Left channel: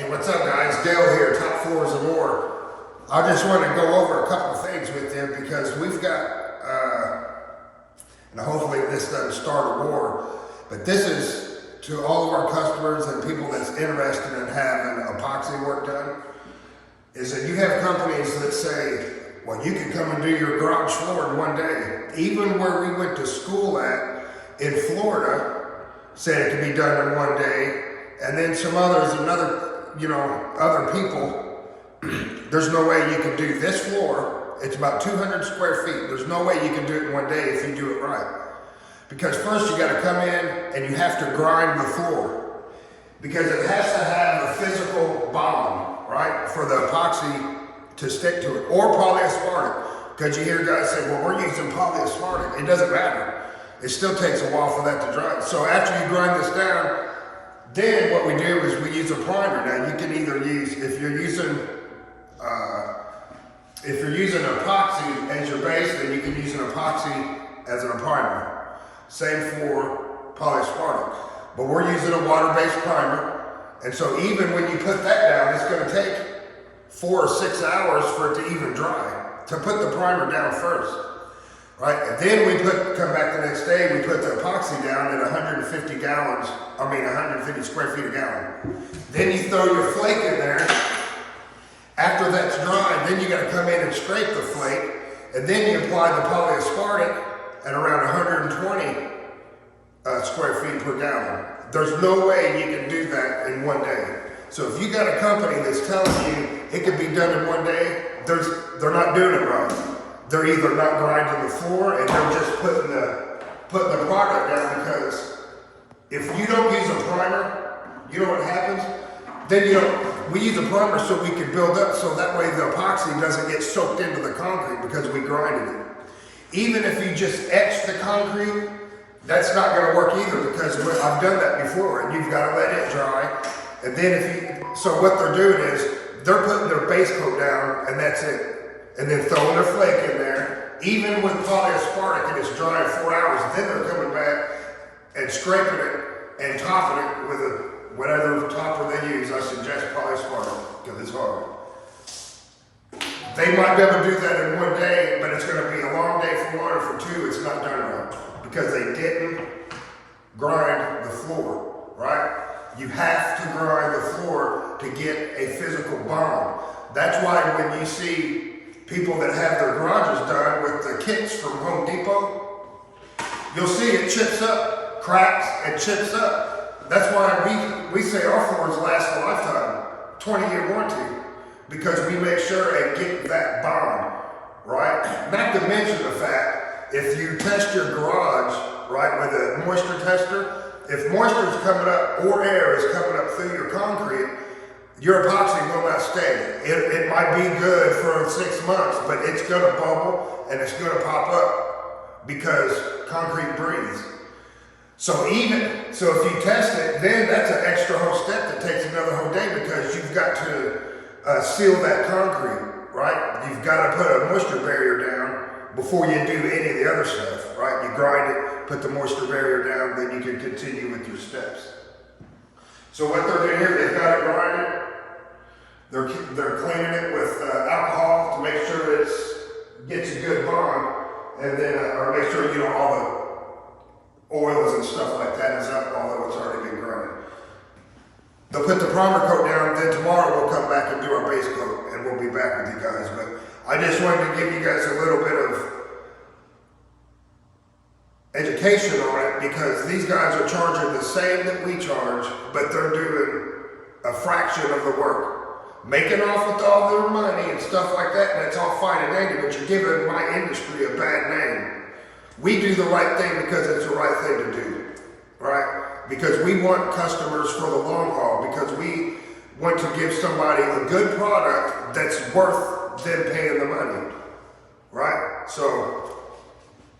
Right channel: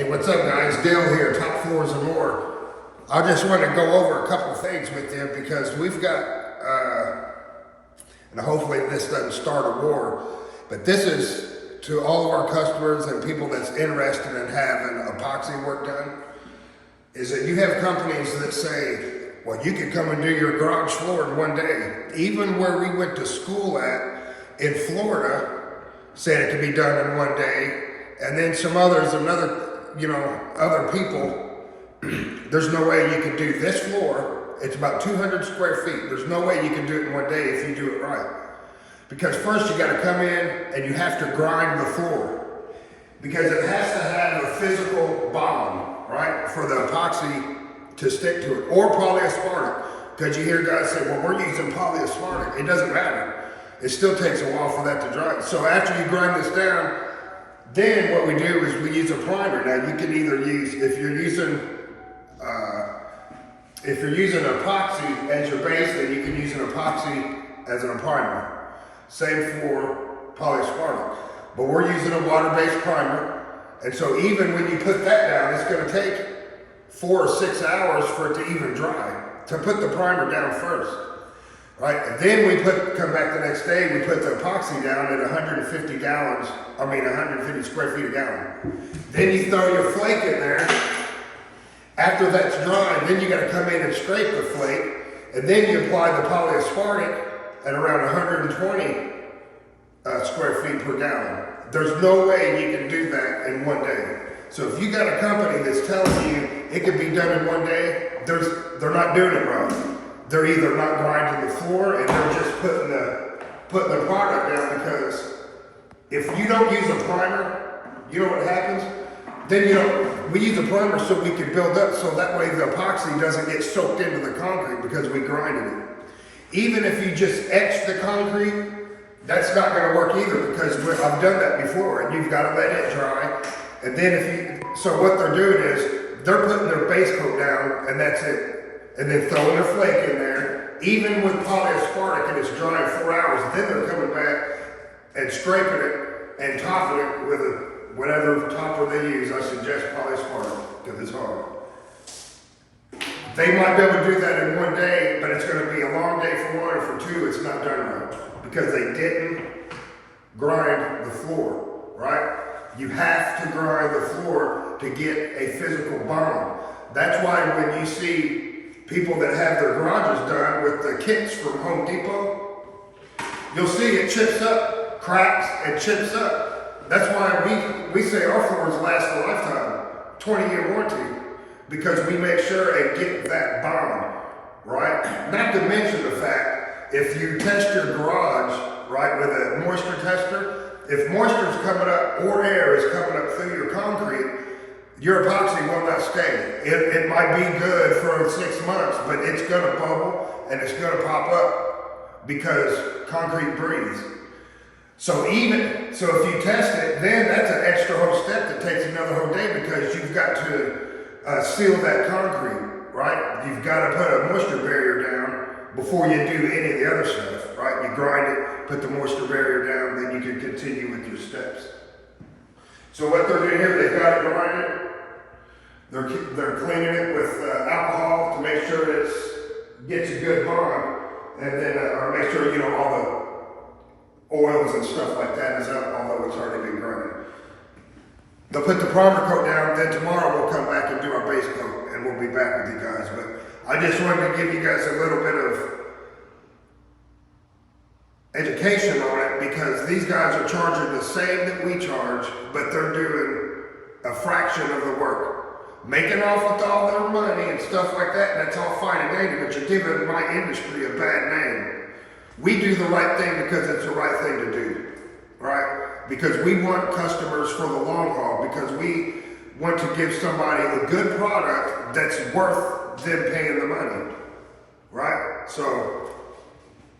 Hey, what's up guys? Dale here, Top Floors and More. I just want to go over a couple of things with you because we've got, and hopefully this doesn't start a war, but this is to all of our customers and people that's interested in having epoxy work done, is that you have companies that say, well, you can come and do your garage floor in one day. Even where we went to school at in Florida said it could be done in one day. And then some others, other people, there's no way you can do this floor. It's about 200 square feet. There's no way you can do it in one day if you do it right. Because first you gotta come in and you have to grind the floor. Because it has to have a physical bond, right? For the epoxy to stick to it, or polyaspartic. Because you hear guys say, well, we're using polyaspartic. It doesn't matter. It still takes a while for that to dry. So after you grind this down, then what we do is we use a primer. Now you can either use, if you're using epoxy as your base, then you can use an epoxy as a primer. Same for polyaspartic. But we're using a water-based primer. And so even when you put that down, it's gonna take 4 or 6 hours for it to even dry, to put the primer down first, right? And then we come back the next day, we put the epoxy down at 150 square feet a gallon. Then you throw your flake in there. After that's dry, then you gotta come in and scrape the flake, and then you apply the polyaspartic at around 120 square feet per gallon. There's no way you can do that in one day. So if you got a company that's telling you it could be done in one day, they're not doing it right. They're either not grinding the floor and they're just putting the product down, because if you don't use a primer, you know what happens? Then we use a primer so we can build up, so that way the epoxy doesn't get soaked into the concrete because we grinded it. Even if you just etch the concrete, that's not gonna work either, because I've done that before, and you've gotta let it dry. And then so what they're doing is, they're putting their base coat down, and that's it. And then throwing their flake in there. Even with polyaspartic and it's dry in 4 hours, then they're coming back and scraping it and topping it with whatever topper they use. I suggest polyaspartic, because it's hard. They might be able to do that in one day, but it's gonna be a long day for one, or for two, it's not done right. Because they didn't grind the floor, right? You have to grind the floor to get a physical bond. That's why when you see people that have their garages done with the kits from Home Depot, you'll see it chips up, cracks and chips up. That's why we say our floors last a lifetime, 20-year warranty, because we make sure and get that bond, right? Not to mention the fact, if you test your garage, right, with a moisture tester, if moisture is coming up or air is coming up through your concrete, your epoxy will not stay. It might be good for 6 months, but it's gonna bubble and it's gonna pop up because concrete breathes. So if you test it, then that's an extra whole step that takes another whole day, because you've got to seal that concrete, right? You've got to put a moisture barrier down before you do any of the other stuff, right? You grind it, put the moisture barrier down, then you can continue with your steps. So what they're doing here, they've got it grinded. They're cleaning it with alcohol to make sure it gets a good bond, and then or make sure all the oils and stuff like that is up, although it's already been grinded. They'll put the primer coat down, then tomorrow we'll come back and do our base coat, and we'll be back with you guys. But I just wanted to give you guys a little bit of education on it, because these guys are charging the same that we charge, but they're doing a fraction of the work. Making off with all their money and stuff like that, and that's all fine and dandy, but you're giving my industry a bad name. We do the right thing because it's the right thing to do, right? Because we want customers for the long haul, because we want to give somebody a good product that's worth them paying the money, right? So,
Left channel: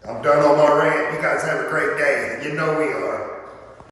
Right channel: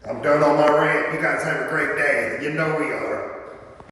I'm done on my rant. You guys have a great day. You know we are.